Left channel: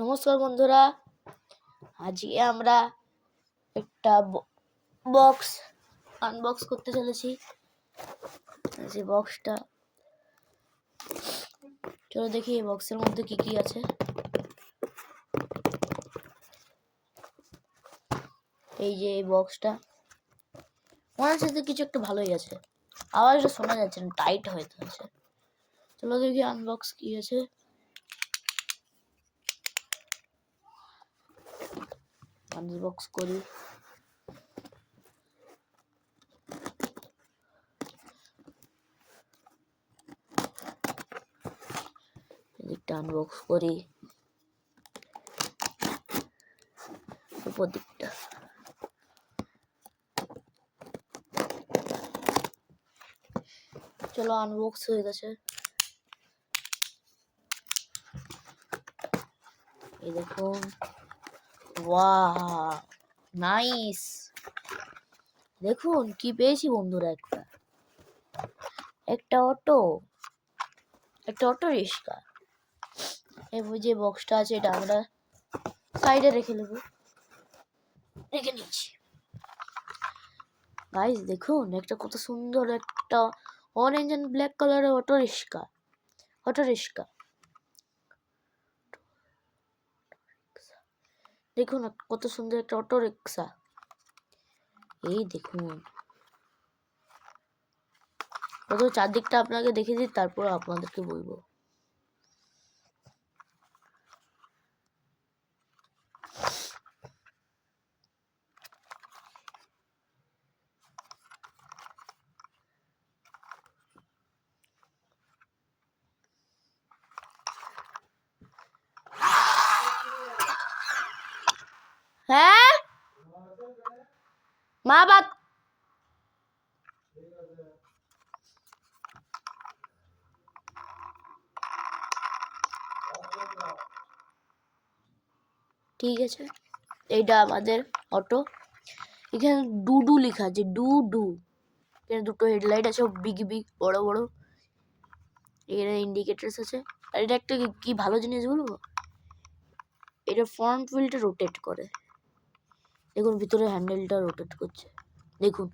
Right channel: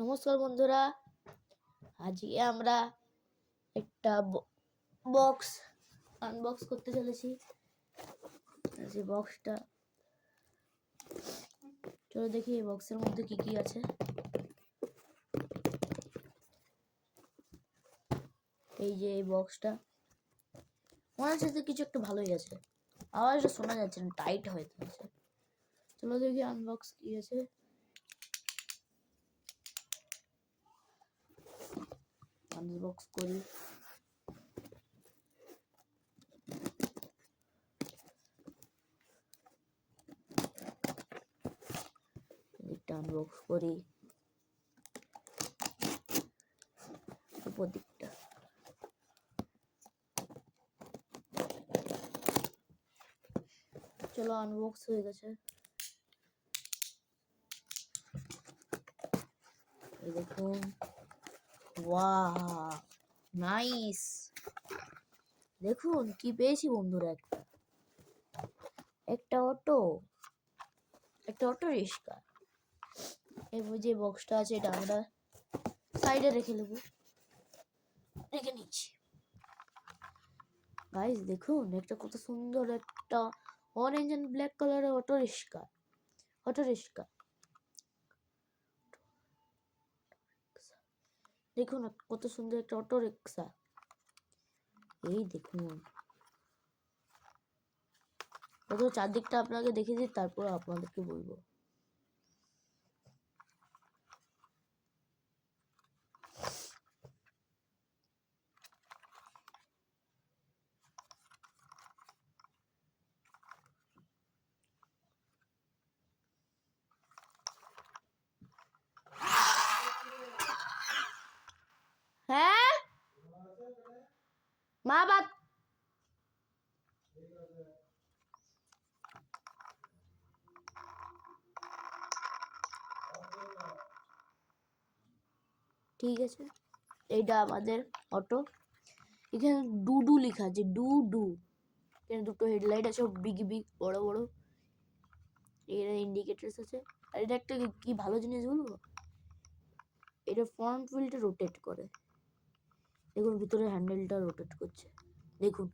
নমস্কার বন্ধুরা, আজকে আমরা একটা বক্স আনবক্স করতে চলেছি। যে বক্সটা, চলো দেখি এই বক্সের মধ্যে কি কি আছে। এই যে এই বক্সটা, মনে হচ্ছে যে কিছু একটা ভালোই আছে, আওয়াজটা শোনা যাচ্ছে না, টাইট হয়ে আছে। চলো দেখি আনবক্স কি আছে। আনবক্স করি। এদিকটা আনবক্স করি, উপর দিকটা। চলো আনবক্স হয়ে গেছে। এই দেখুন, ওয়াও নাইস। দেখুন কি পেয়েছি বন্ধুরা, একটা অটো রিক্সা। এই যে বক্সটা আছে, এটা আমরা সাইডে রেখে নিচ্ছি। গাইস দেখুন, একটা কত সুন্দর একটা অরেঞ্জ এন্ড ব্ল্যাক কালারের অটো রিক্সা। দেখুন কত সুন্দর একটা অটো রিক্সা। এই দেখুন, প্রথমে চারদিকটা আপনাকে দেখে দিই, তারপর আপনাদেরকে বলবো। হ্যাঁ মা বাত ঠিক আছে। এইটা আমাদের অটো। এখানে ডুডু লেখা আছে, ডুডু। এখানে দুটো হেডলাইট আছে, বিগ বড় বড়। এখানে ইন্ডিকেটরস আছে। আর এটা একটা কি ভালো জিনিস বলবো, এটা ফ্রন্ট হুইলটা রোটেট করে। দেখুন ভিতরে হ্যান্ডেলটা রোটেট করছে, দেখুন।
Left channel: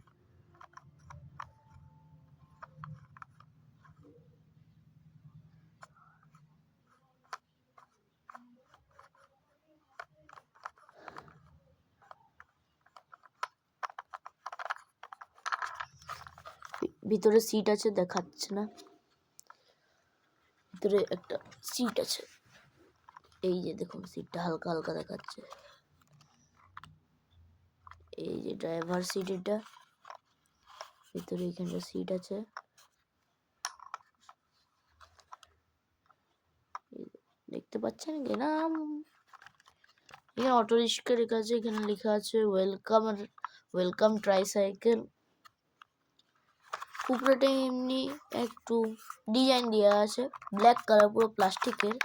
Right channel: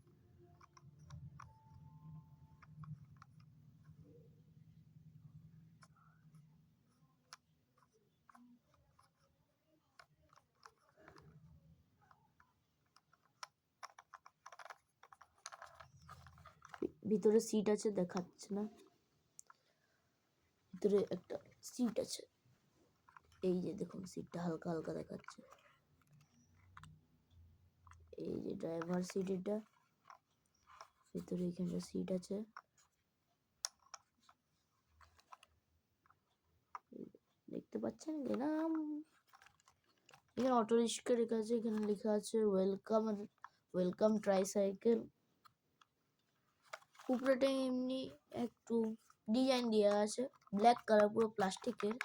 ভিতরে সিট আছে, দেখাচ্ছে না। ভিতরে একটা সিট আছে, এই যে দেখুন সিটটা হালকা হালকা দেখাচ্ছে। এই যে ড্রাইভার সিট, এটা ভিতরে এখানে সিট আছে। দেখতে পাচ্ছেন কি না? এখানে অটো রিক্সা লেখা আছে, এখানে লেখা আছে ওয়েলকাম ট্রাইসাইকেল। উপরেটা এমনি একটু ডিজাইন দেওয়া আছে, ব্ল্যাক কালার, পুরো প্লাস্টিকের।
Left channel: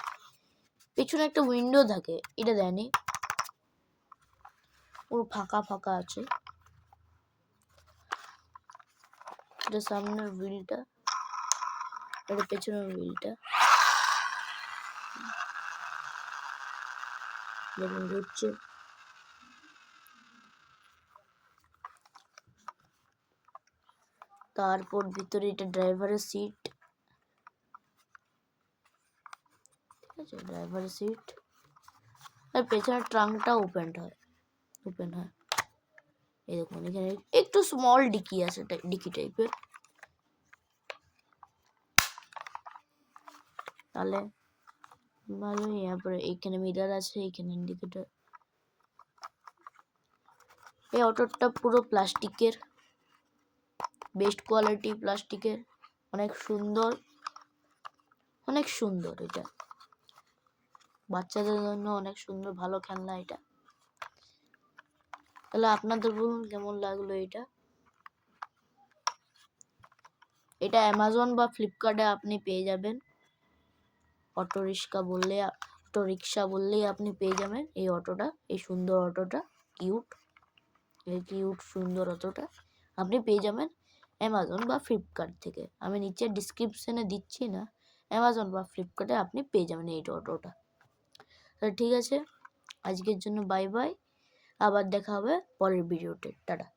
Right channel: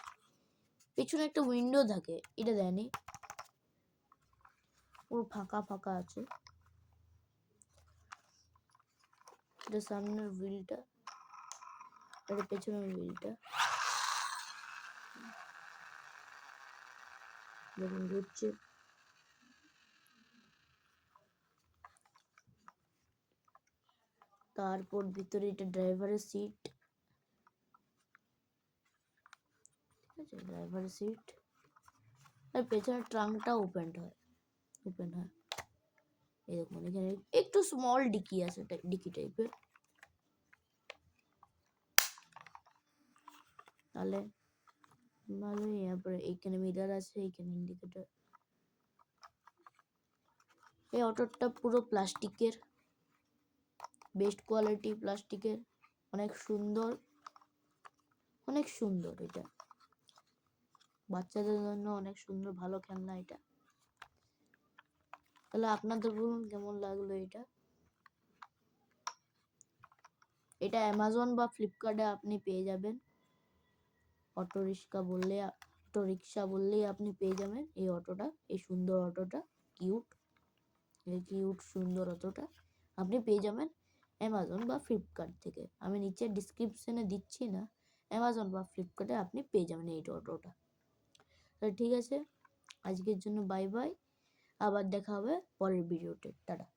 পিছনে একটা উইন্ডো থাকে, এটা দেয়নি, পুরো ফাঁকা ফাঁকা আছে। এটা সামনের হুইলটা, এটা পেছনের হুইলটা। দেখুন ঘুরছে। তারপর ভিতরে এটা ড্রাইভারের সিট, ঠিক আছে, ড্রাইভারের সিট। আর পেছনের ট্রাঙ্কটা ওপেন হয়। এই দেখুন, এখানে একটু স্মল ডিকি আছে, ডিকি টাইপের। তাহলে ভালোই। তারপরে এখানে মিরার আছে, এখানে ইন্ডিকেটর। এই অটোটা পুরো প্লাস্টিকের, বেস্ট কোয়ালিটি প্লাস্টিকের, অনেক সুন্দর, অনেক সুন্দর। এটা বাচ্চাদের জন্য অনেক সুন্দর, ভালো খেলনা এটা। তাহলে আপনাদের বলুন কেমন লাগলো এটা। এটা অ্যামাজন বা ফ্লিপকার্টে আপনি পেয়ে যাবেন। অটো রিক্সা বললেই আপনি পেয়ে যাবেন এই অটোটা, এই সুন্দর অটোটা, কিউট সুন্দর অটোটা আপনি পেয়ে যাবেন অ্যামাজন বা ফ্লিপকার্ট থেকে। আমি নিচে ডিসক্রিপশনে দিচ্ছি না, অ্যামাজন বা ফ্লিপকার্টে আপনি পেয়ে যাবেন এই অটোটা। তাহলে ঠিক আছে, আজকের জন্য বাই বাই, আবার দেখা হবে পরের ভিডিওতে, টাটা।